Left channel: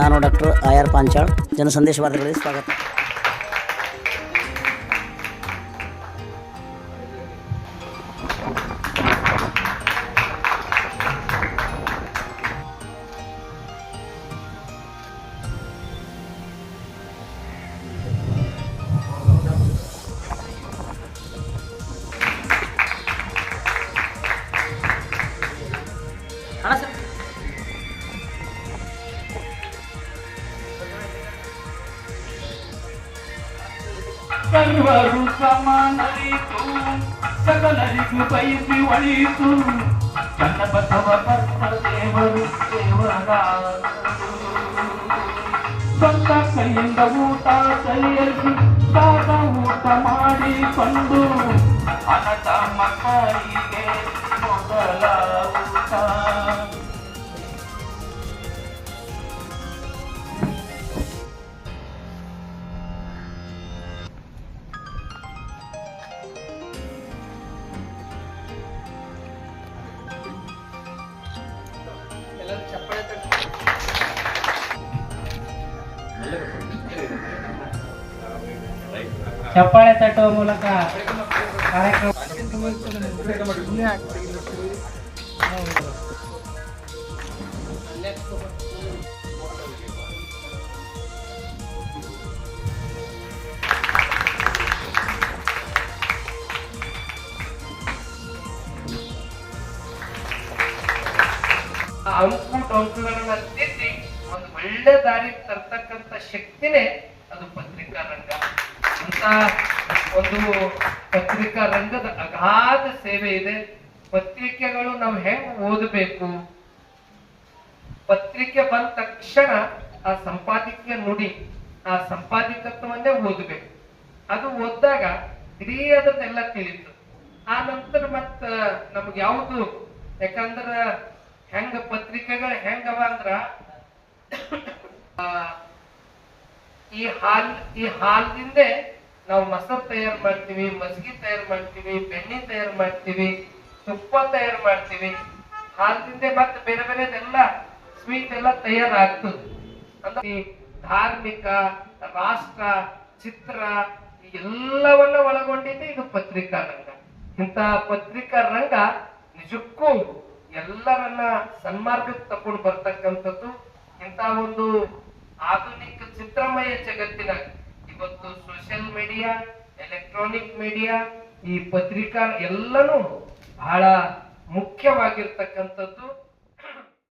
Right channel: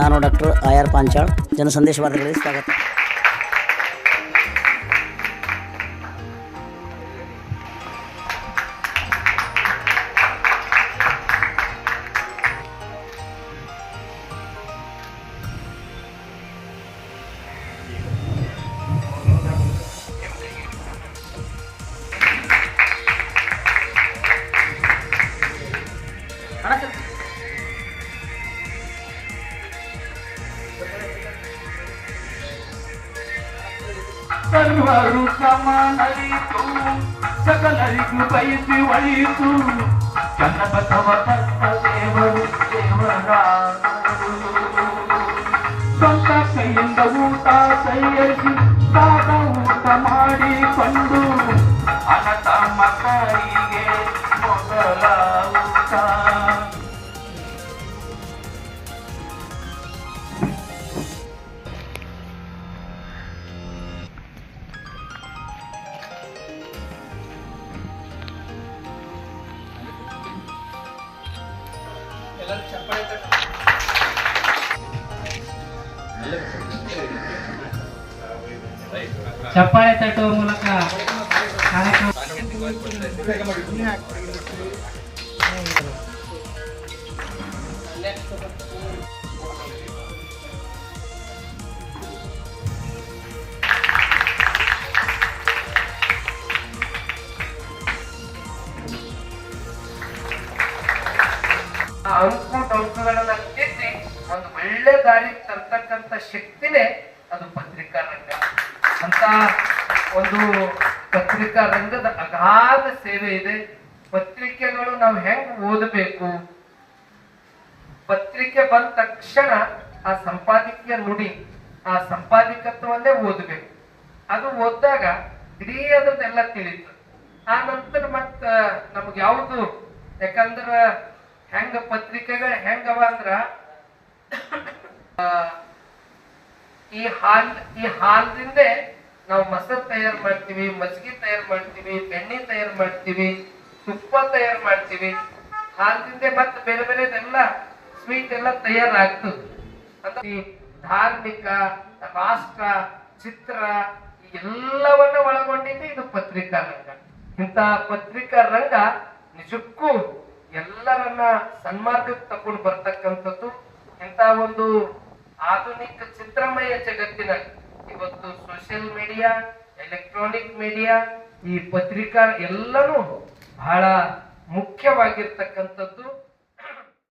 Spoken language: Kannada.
ನಾನು ಡಾಕ್ಟರ್ ಆರ್ ಪಾಂಚಾಳ್, ಜನಸಂದೇಶ ವಾರ್ತೆಗಳಿಗೆ ಸ್ವಾಗತ. ಸರ್ವರು ಸಮಾನರಿತು, ಸಕಲರಿಗೂ ಬಯಸಿ ಒಳಿತು, ಚನ್ನಬಸವ ತತ್ತ ದೇವರು ದೇವರಾದರು. ಸ್ವಂತ ಕೈಯಿಂದ ಊಟ ತಯಾರಿಸಿ ಸಾದ ಊಟ ಮಾಡಿಕೊಂಡು ಅನಾಥ ಮಕ್ಕಳಿಗೆ ಮೊದಲ ಊಟ. ಚಪ್ಪಾಳೆ ತಟ್ಟುವ ಮೂಲಕ ಕಾರ್ಯಕ್ರಮ ಅಂಕುಗಳನ್ನ ತಿದ್ದಿ ಒಂದು ಒಳ್ಳೆ ದಾರಿ ತರ್ತಕ್ಕಂಥ ಶಕ್ತಿನೇ ಅದು ಪತ್ರಿಕಾ ರಂಗ ಅಂತ. ಒಂದು ಪತ್ರಿಕಾ ರಂಗದ ಅಗಾಧ ಸೇವೆ ಇದೆ. ಪತ್ರಿಕೆಗಳು ನಾವು ಹೆಂಗ್ ಓದಬೇಕು, ಪತ್ರಿಕೆ ಬಂದ ತಕ್ಷಣ ಆ ಸಂಪಾದಕೀಯ ನುಡಿ, ಆ ಸಂಪಾದಕತ್ವವನ್ನೇ ಓದಬೇಕು. ಅದು ಓದಿದಾಗ ಇಡೀ ಅದನ್ನೆಲ್ಲ ತಿಳಿತು. ಆ ನಂತರ ಮತ್ತ ನಮ್ಗೆ ಯಾವುದು, ಯಾಕಂದ್ರ ಹೆಂಗ ಪತ್ರಿಕೆಗಳು ಹೆಂಗವ ಅಂದ್ರ ಈ ಹಾಲದಿಂದ ನಾವು ಮೊಸರು ತಯಾರು ಮಾಡ್ತೀವಿ, ಮಜ್ಜಿಗೆ ತಯಾರು ಮಾಡ್ತೀವಿ, ಬೆಣ್ಣೆ ತಯಾರು ಮಾಡ್ತೀವಿ, ತುಪ್ಪ ತಯಾರು ಮಾಡ್ತೀವಿ. ಹಾಲದಿಂದ ಮತ್ತೆ ಬೇರೆ ಬೇರೆದೆಲ್ಲ ಸ್ವೀಟ್ ಎಲ್ಲ ತಯಾರಾಗ್ತದೆ. ಅಂದ್ರೆ ಧಾರ್ಮಿಕ, ರಾಷ್ಟ್ರ, ಚಿತ್ರ ಎಲ್ಲವನ್ನ ಒಳಗೊಂಡಿದ್ದು ಇದು ಪತ್ರಿಕಾ ರಂಗ. ಇಂಥ ಪತ್ರಿಕಾ ರಂಗ ನಿಜಕ್ಕೂ ಎಲ್ಲರನ್ನ ಸನ್ಮಾರ್ಗಕ್ಕೆ ತಕೊಂಡು ಬರ್ತಕ್ಕಂಥದ್ದು. ಇಂಥ ಒಂದು ಆಧುನಿಕ ಚಿತ್ರಮಯ ಜಗತ್ತಿನ ಇವತ್ತು ಸೋಷಿಯಲ್ ಮೀಡಿಯಾ, ಎಲೆಕ್ಟ್ರಾನಿಕ್ ಮೀಡಿಯಾ, ಈ ಪತ್ರಿಕಾ ಎಲ್ಲನೂ ಬಹಳ ಮುಖ್ಯವಾಗಿರ್ತಕ್ಕಂಥದ್ದು.